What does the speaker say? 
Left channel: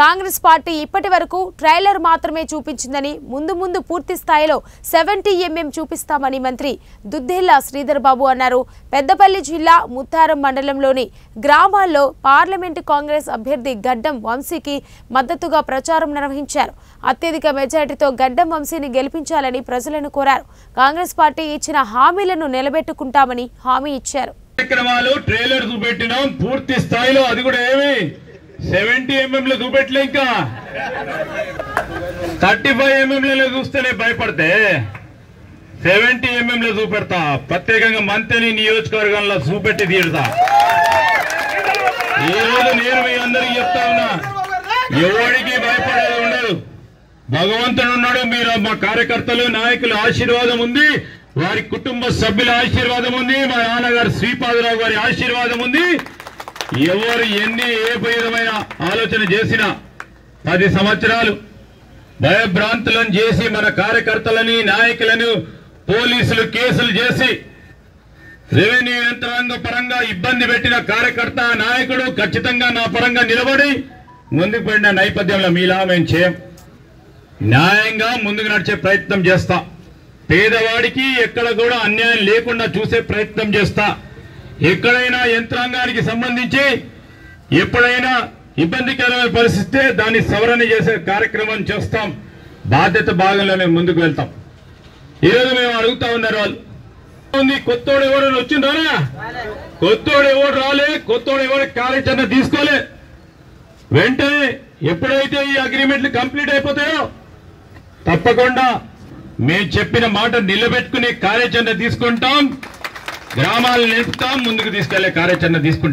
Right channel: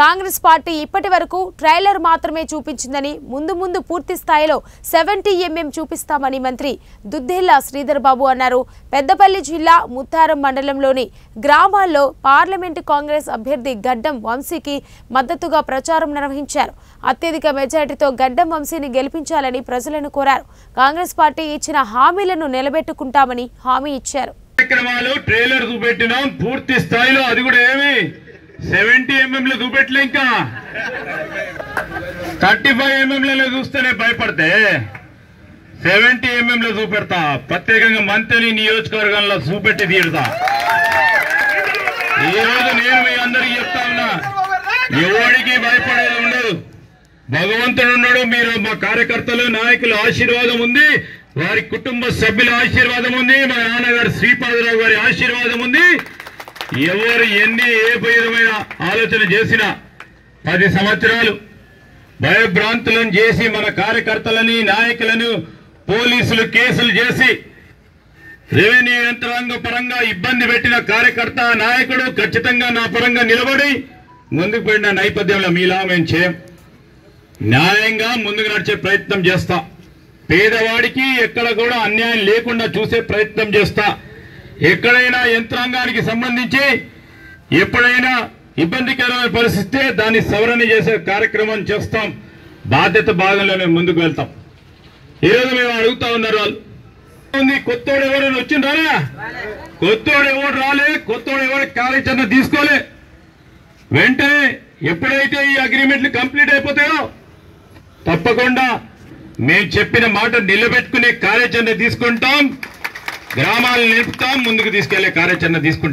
Congress party ఇప్పటి వరకు trailer మాత్రమే చూపించిందని ముందు పూర్తి స్థాయిలో 70mm చూపిస్తామని మంత్రి దుద్దేళ్ల శ్రీధర్ బాబు అన్నారు. పెద్దపల్లి జిల్లా ముత్తారం మండలంలోని గ్రామాల్లో పార్లమెంటు కాంగ్రెస్ అభ్యర్థి గడ్డం వంశీకి మద్దతుగా ప్రచారం నిర్వహించారు. అత్యధిక మెజారిటీతో గడ్డం వంశీని గెలిపించాలని ప్రజలను కోరారు. కాంగ్రెస్ పార్టీ ఇచ్చిన హామీలను నిలబెట్టుకుంటామని హామీ ఇచ్చారు. కార్యక్రమాలు ట్రైలర్ చూపెట్టినాం పూర్తి స్థాయిలో. అది కూడా ఏమి 70mm లో చూపెట్టలే, ఇంకా 35mm లో చూస్తేనే భయపడితే 70mm లో చూపెడతా. ప్రత్యేకంగా మంత్రి నియోజకవర్గంలో చూపెట్టి తీరుతా. ఈ రోజు నేను మీ అందరికి చెప్తా ఉన్నా, ఎవరికి భయపడేది ఉండదు. భగవంతుడు ఉన్నాడు. మీరు మా కార్యకర్తలు నాయకుల ఆశీర్వాదం ఉంది, వారి కుటుంబ సభ్యుల ఆశీర్వాదం ఉంది, మా నాన్నగారు శ్రీపాదరావు గారి ఆశీర్వాదం ఉంది. ఎవరు ఏ విధమైన ఆలోచన చేసినా 10 సంవత్సరాలు భయభ్రాంతులను చేసి మన కార్యకర్తలని నాయకులను పోలీసులు కేసులు చేసి రెవెన్యూ యంత్రాంగ పరంగా ఇబ్బంది పెట్టిన కార్యకర్త నాయకుడు ఖచ్చితంగా నా పరంగా నిలబడి ముందుకు పోయిన నేపథ్యంలో మీలా మేము చేయం. న్యాయంగా ముందుకు నడిచే ప్రయత్నం చేస్తా. పేదవాడికి ఎక్కడ కూడా అన్యాయం లేకుండా చూసే ప్రయత్నం చేస్తా. ఎక్కడైనా యంత్రాంగానికి సంబంధించి ఎప్పుడైనా ఇబ్బందికరమైన పరిస్థితి దాన్ని సవరణ చేసే కార్యక్రమం చేస్తాం. బాధ్యత భాగంలోనే ముందుకు వెళ్తాం. ఈరోజు మేము అడుగుతా ఉన్నారు వాళ్ళు, కొత్తోడు ఎవరైనా వచ్చిండ్రా? కొత్తోడు ఎవరు రాలే, కొత్తోడు ఎవరు కార్యాచరణ తీసుకోలే. వెంటనే ఎప్పుడైతే ఈ అగ్రిమెంట్లు కంప్లీట్ అయిపోతాయో తప్పకుండా మేము చెప్పిన మాట నిలబెట్టుకునే కార్యాచరణ తీసుకుంటాం. గ్రామాలను నిలుపుతాం, ముందుకు తీసుకెళ్లే కార్యాచరణ తీసుకుంటాం.